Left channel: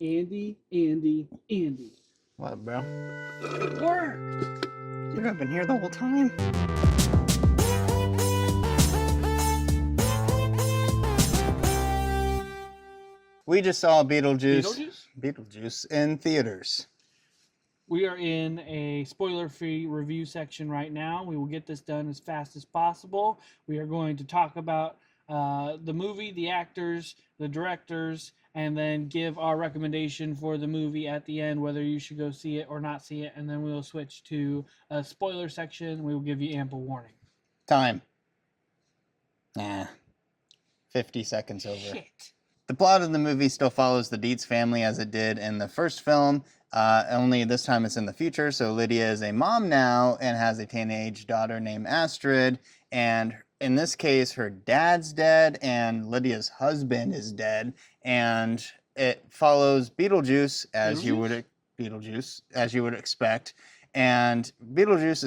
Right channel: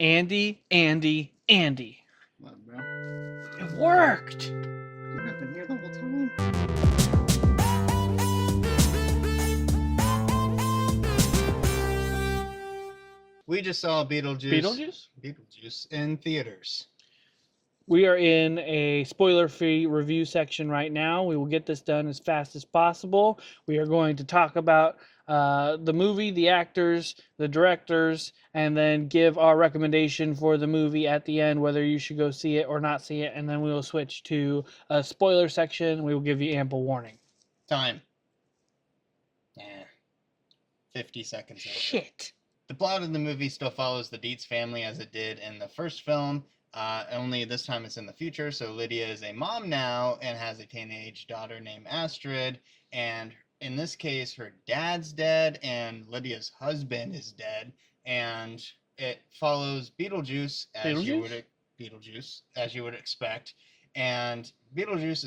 Andy, Andy, Andy. What, bro? It worked. You haven't been here the whole time? We just saw Beetlejuice in theaters. We are in a spoiler-free review section right now. We will get this done as fast as possible. We are going to talk about the movie, the actors, the directors, and then give our recommendation for the movie at the end, whether you should go see it or not see it. And then we will switch to a spoiler section. We will give you ample warning. Time. 50 seconds over. Shit. The plot of the movie still follows the Dietz family as it did in the first film, only this time it's in the future. So Lydia is a mom now and has a teenage daughter named Astrid, and in this case her dad's dead and Lydia's husband is dead, and it follows Beetlejuice as you would expect. And Beetlejuice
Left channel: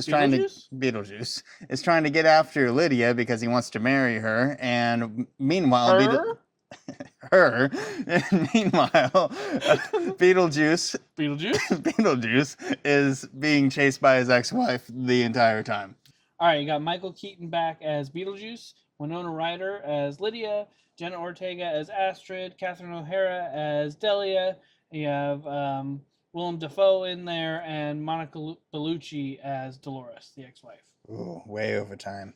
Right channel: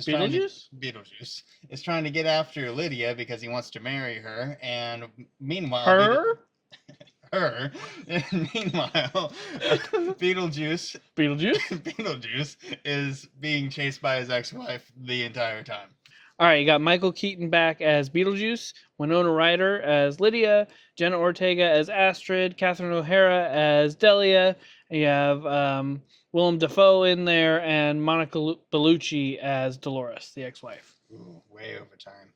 is trying to get after Lydia because he wants to marry her, and meanwhile meanwhile, Beetlejuice is being chased by his ex-wife the entire time. All right, you got Michael Keaton back as Beetlejuice, Winona Ryder as Lydia, Jenna Ortega as Astrid, Catherine O'Hara as Delia. You have Willem Dafoe in there, and Monica Bellucci as Dolores, the ex-wife. Ooh, way over time.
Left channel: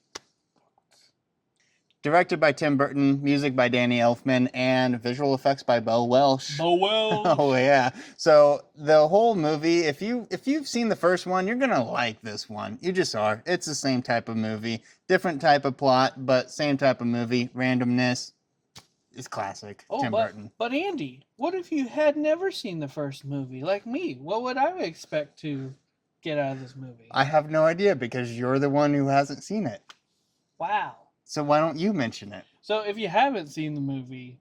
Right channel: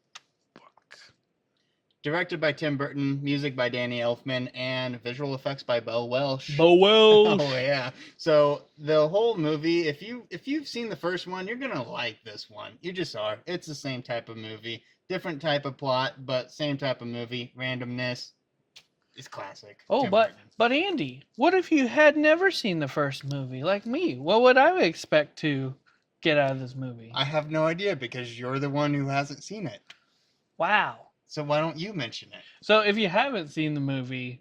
Directed by Tim Burton, music by Danny Elfman, and visual effects by Bo Welsh. Bo Welsh! Oh, yeah. So the whole movie, if you've seen the first one, you're going to like this one. You just are. It's the same type of movie. Different type of plot, but same type of movie. Randomness is classic. Tim Burton. But Andy, what if you had never seen the first movie, like me? What would I expect to get out of this movie? I have no idea because you're the one who hasn't seen it. Wow. So why don't you mention it? So if you haven't seen the movie,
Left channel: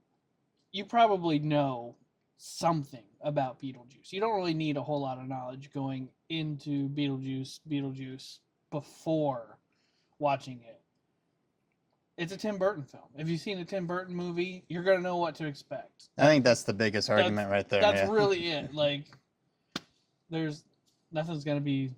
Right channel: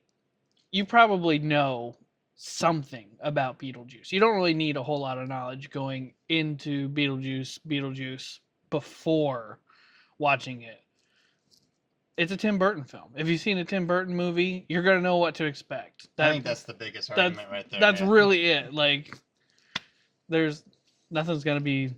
you probably know something about Beetlejuice. You don't really need a whole lot of knowledge going into Beetlejuice before watching it. It's a Tim Burton film. If you've seen a Tim Burton movie, you're going to know what to expect. I think that's the biggest argument right there. That's really it. Like, nothing's going to be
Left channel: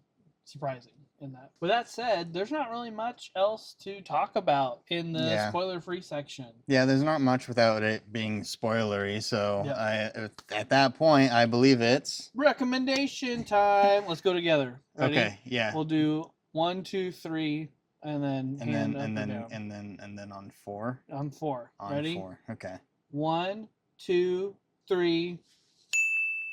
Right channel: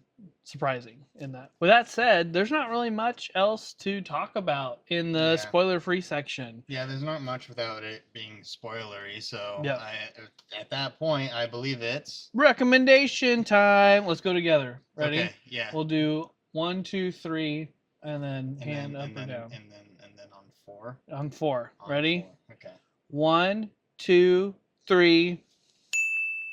surprising in that. With that said, there's not really much else to talk about in the spoiler-free section. Yeah, there's not much without it being spoilery, so at that point, I believe it's... recommendation time! Let's go together. Ready? Okay, yeah. We'll do 1, 2, 3, and then hand up or down. And then on 4? On 4. Ready? 4, okay. 1, 2, 3...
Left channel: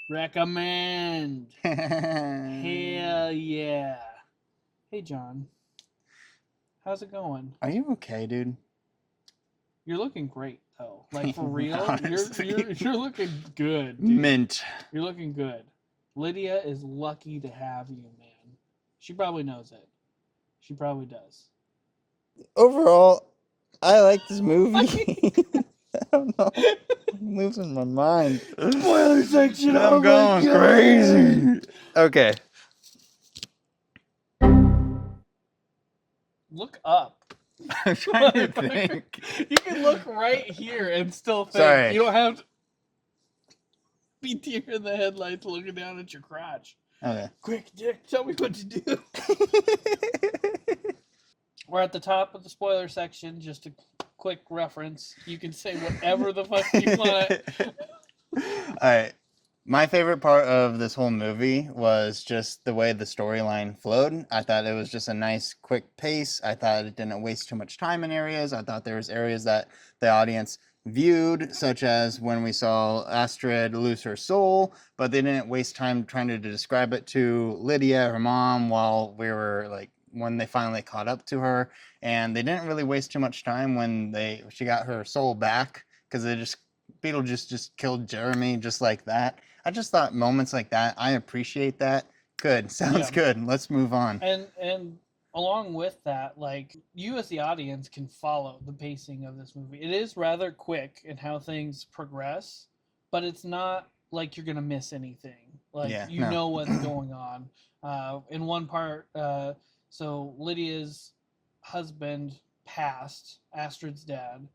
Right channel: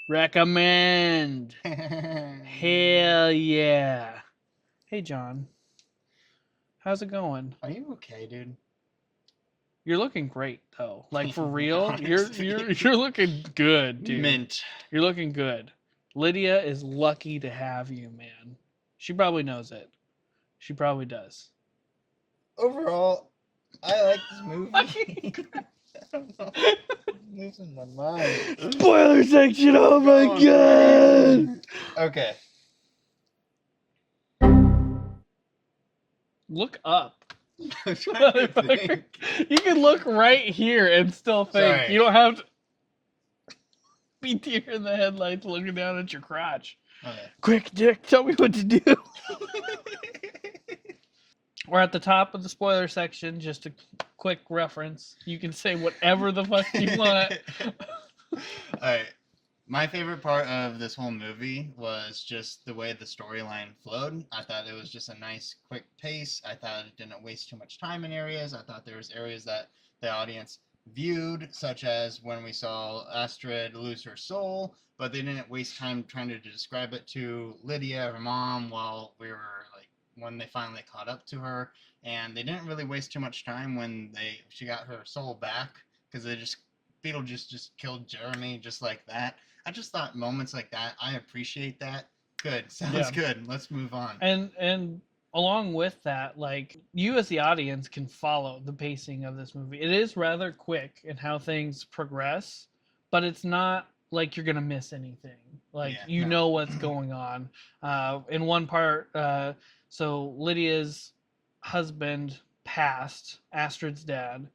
recommend. Hell yeah. Hey, John. How's it going? Are you okay, dude? You're looking great, though. Like, for real, you're looking good, dude. Mint. You're looking good. Lydia is lucky to have you, man. She probably knows it. She probably does. Overall, I like this movie. I don't know. I'm losing my mind. Spoiler section. I'm going crazy. Okay. Look up. I'm trying to think. You can look right here and still think. Sorry. You don't have to be deer in the headlights looking down at your crotch. Okay. Quick, Dick, tell me what to do. We're at the top of the spoiler section. Just a quick reference. You can say whatever the fuck you want. Alright. My favorite part of this whole movie was just the way the storyline flowed. I thought it was just a nice, quick pace. I thought it didn't waste too much time in areas. I thought there was areas that the audience viewed, such as when we saw Astrid lose her soul, but they didn't waste time trying to describe it to Lydia, her mom, while we were like, when they finally caught up to her. And they didn't really waste too much time when she got her soul back, because Beetlejuice just killed Jeremy just like that. I just thought moments like that, I appreciate that. Good. Sounds good. Let's move on. And along with that, like, you as the audience can follow the pacing of this movie. It is rather quick in how things progress, but it's not like you're going to miss anything. Like, you know what's going on. In one part, so Lydia's husband passed, Astrid's dad,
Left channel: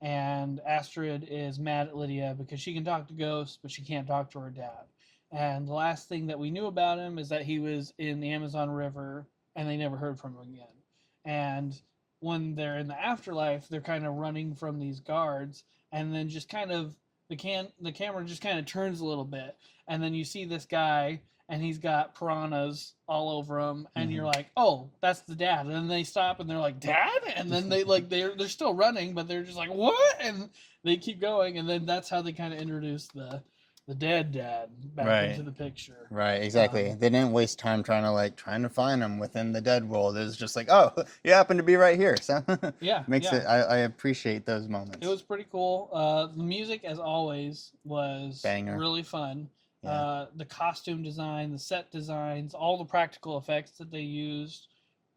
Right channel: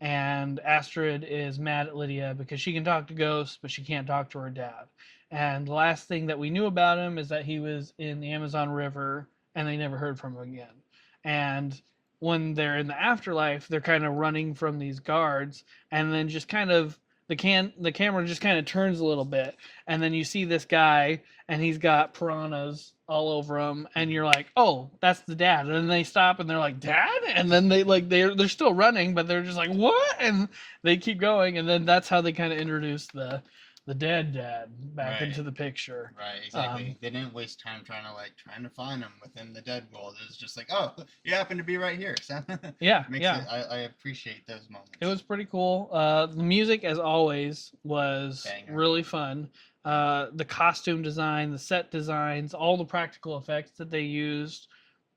and Astrid is mad at Lydia because she can talk to ghosts, but she can't talk to her dad. And the last thing that we knew about him is that he was in the Amazon River, and they never heard from him again. And when they're in the afterlife, they're kind of running from these guards, and then just kind of the camera just kind of turns a little bit, and then you see this guy, and he's got piranhas all over him, and you're like, oh, that's the dad. And then they stop, and they're like, dad, and then they're still running, but they're just like, what? And they keep going, and then that's how they kind of introduce the dead dad back Right. into the picture. Right, exactly. They didn't waste time trying to find him within the dead world. It was just like, oh, you happen to be right here. So Yeah, makes yeah. it. I appreciate those moments. It was pretty cool. The music, as always, was Banger. really fun. Yeah. The costume design, the set designs, all the practical effects that they used.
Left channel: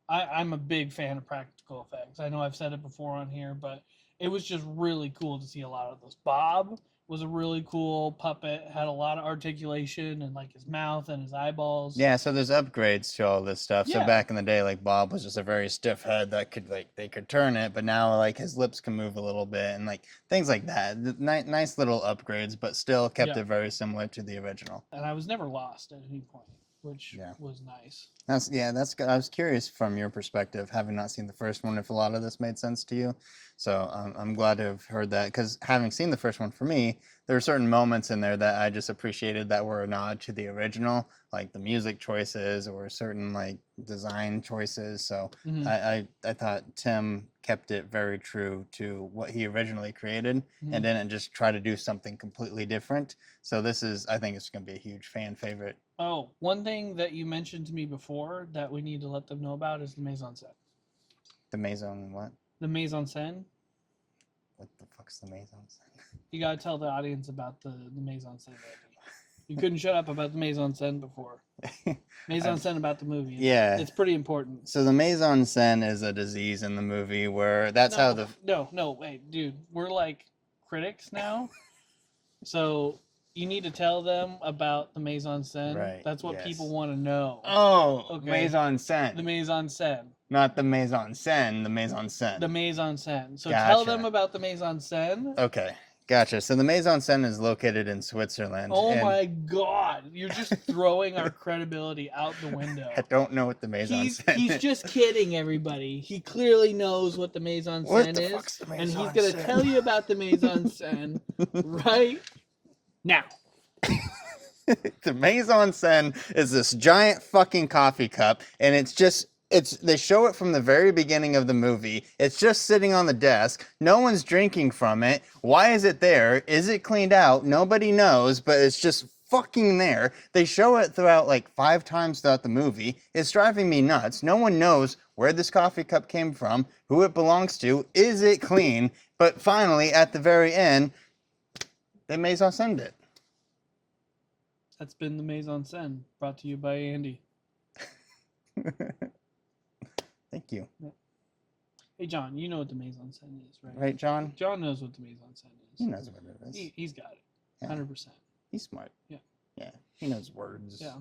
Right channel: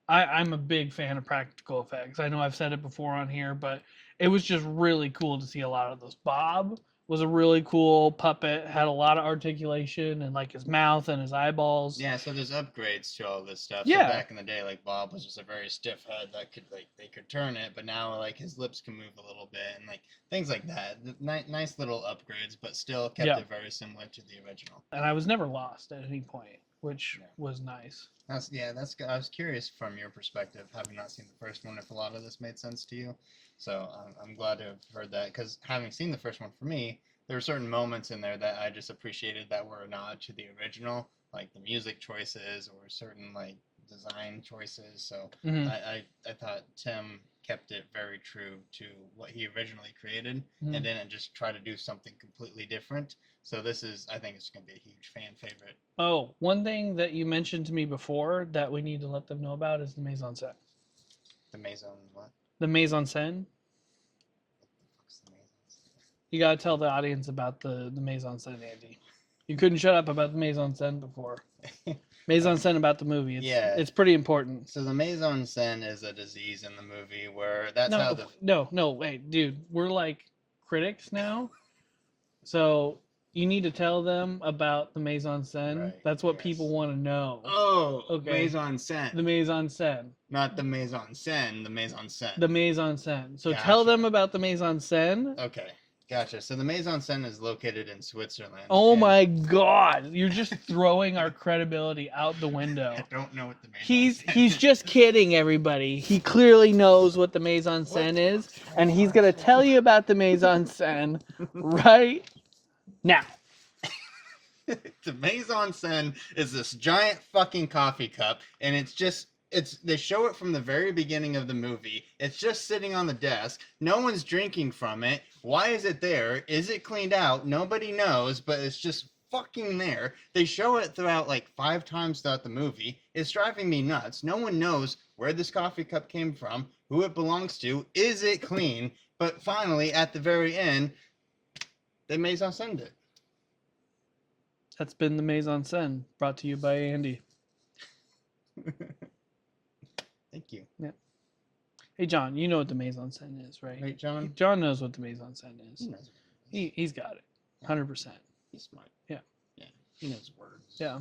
I'm a big fan of practical effects. I know I've said it before on here, but it was just really cool to see a lot of those. Bob was a really cool puppet, had a lot of articulation and like his mouth and his eyeballs. Yeah, so there's upgrades to all this stuff. Yeah. So back in the day, like Bob was just a very stiff head that could they could turn it, but now like his lips can move a little bit and like things like that. Nice little upgrades, but still kept it very similar to the original. And I was never lost at any point, which Yeah. was nice. That's good. I was curious from your perspective, having not seen the first one, if a lot of this made sense to you. So I'm glad to have heard that, because having seen the first one, for me, there were certain moments in there that I just appreciated that were a nod to the original, like the music choices or certain like design choices. So Mhm. I thought Tim kept it very true to what he originally created Mhm. and didn't just try to do something completely different. So I think it's going to be a huge fan favorite. Oh, one thing that you mentioned to me before that we need to let them know about is the mise en scène. The Maison what? The mise en scène. What the fuck's the Maison? You gotta tell the audience about the mise en scène, Andy. You couldn't shut up about the mise en scène before. Mise en scène about the movie. It's pretty important. So the Maison scène is a disease in the movie where that's how the No, wait, dude. We're like critics now. So you need to tell them about the mise en scène. Right, That's what yes. people want to know. Oh, Okay. Maison scène. The mise en scène. Not the Maison scène, the Maison scène. The mise en scène. So tell them Gotcha. about the mise en scène. Okay, gotcha. So the Maison scène is located in Switzerland. Oh and my god. You're just throwing our credibility out the window. I don't know what the Maison scène He's is. just kidding, everybody. He clearly knows what the mise en What scène the is, fuck's the and he's mise en gonna scène? tell you about the mise en scène right now. The Maison scène is this giant fucking coffee cup, and they show it from the very beginning of the movie. It's just sitting on the desk. No one's drinking from it. Why is it there? Is it cleaned out? Nobody knows, but it's just fucking there. They show it throughout like 5 times throughout the movie. It's driving me nuts. No one knows where this coffee cup came from, who it belongs to, is it clean? But finally, at the very end, they Maison scène it. That's been the mise en scène, brought to you by Andy. Thank you. Hey, John, you know what the mise en scène is, right? Right, John? John knows what the mise en scène is. He knows what it is. He's got it, Yeah. 100%. He's smart. Yeah. Yeah. He knows words. Yeah.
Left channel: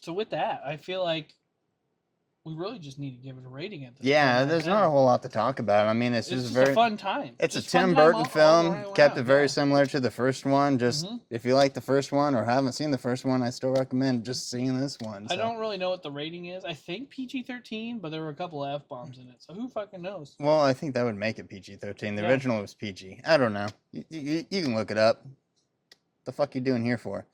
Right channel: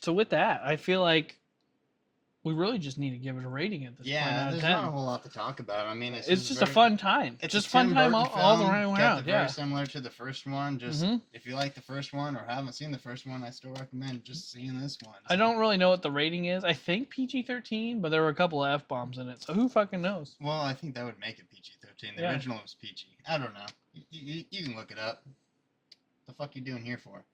So with that, I feel like we really just need to give it a rating at this point. Yeah, out of there's 10. not a whole lot to talk about. I mean, it's It's just very, a fun time. It's just a fun Tim time Burton all film. around, Kept it very yeah. similar to the first one. Just Mhm. if you like the first one or haven't seen the first one, I still recommend just seeing this one. I don't really know what the rating is. I think PG-13, but there were a couple of F-bombs in it, so who fucking knows? Well, I think that would make it PG-13. The Yeah. original was PG. I don't know. You can look it up. The fuck you doing here for?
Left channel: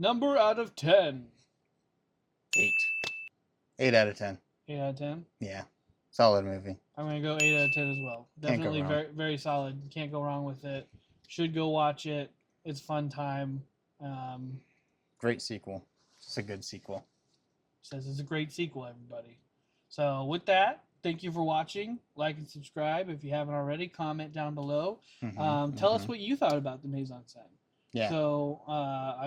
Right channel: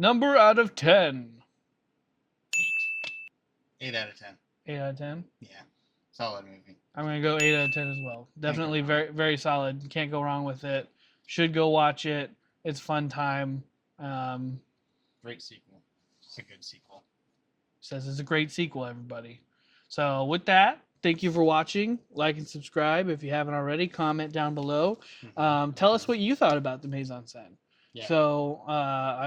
Number out of 10. 8. 8 out of 10. 8 out of 10. Yeah. Solid movie. I'm going to go 8 out of 10 as well. go Definitely wrong. very, very solid. Can't go wrong with it. Should go watch it. It's fun time. Great sequel. It's a good sequel. Says it's a great sequel, everybody. So with that, thank you for watching. Like and subscribe if you haven't already. Comment down below. Tell us what you thought about the mise en scène. Yeah. So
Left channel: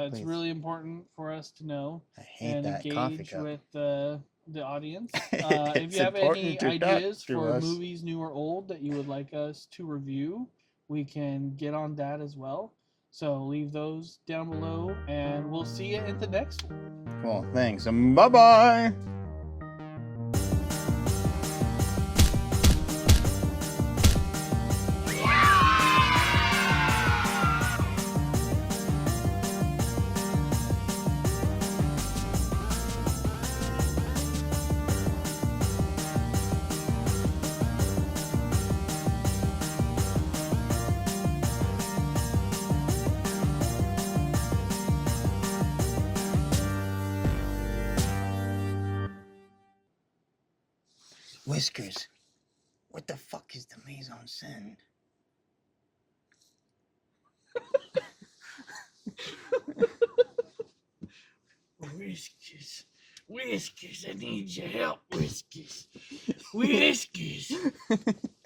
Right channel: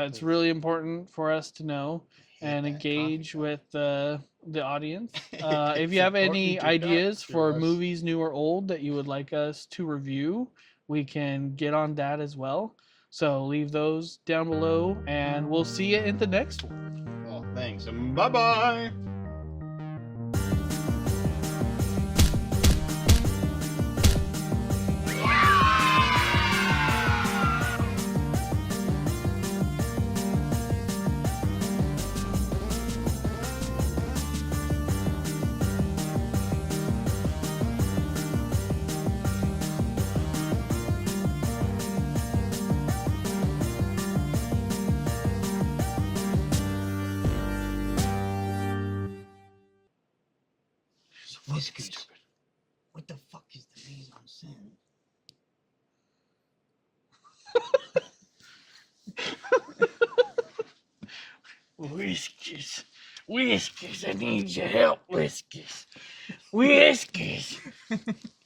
it's Please. really important for us to know I hate and that coffee engage cup. with the audience. If It's you have any important to talk ideas to for us. movies, new or old, that you would like us to review, we can get on that as well. So leave those down below, and we'll see you in the next one. Well, thanks. Bye-bye. Whiskers. What the fuck is the mise en scène? Whiskers. Whiskers, I need your help, Whiskers. Whiskers.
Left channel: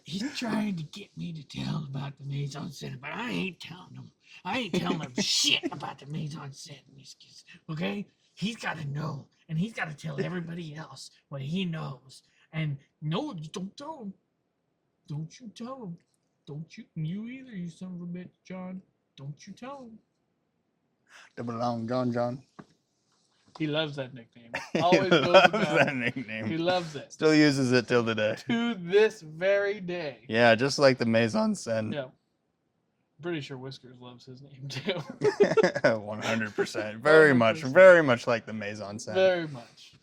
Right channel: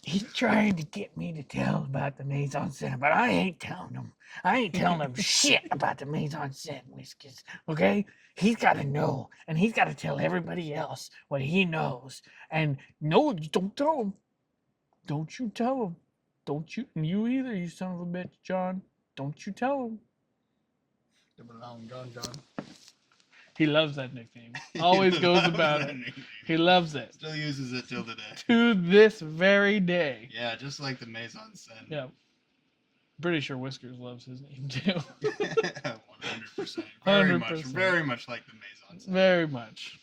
He's trying to get me to tell him about the mise en scène, but I ain't telling him. I ain't telling him shit about the mise en scène, Whiskers. Okay? He's got to know, and he's got to tell everybody else what he knows. And no, you don't tell him. Don't you tell him. Don't you? And you either, you son of a bitch, John. Don't you tell him. Double long John. He loves that nickname. Always goes about that it. nickname. He loves it. Still uses it till today. To this very day. Yeah, just like the mise en scène. Yeah. Pretty sure Whiskers loves his name too. 100%. Very much like the mise en scène. Very much.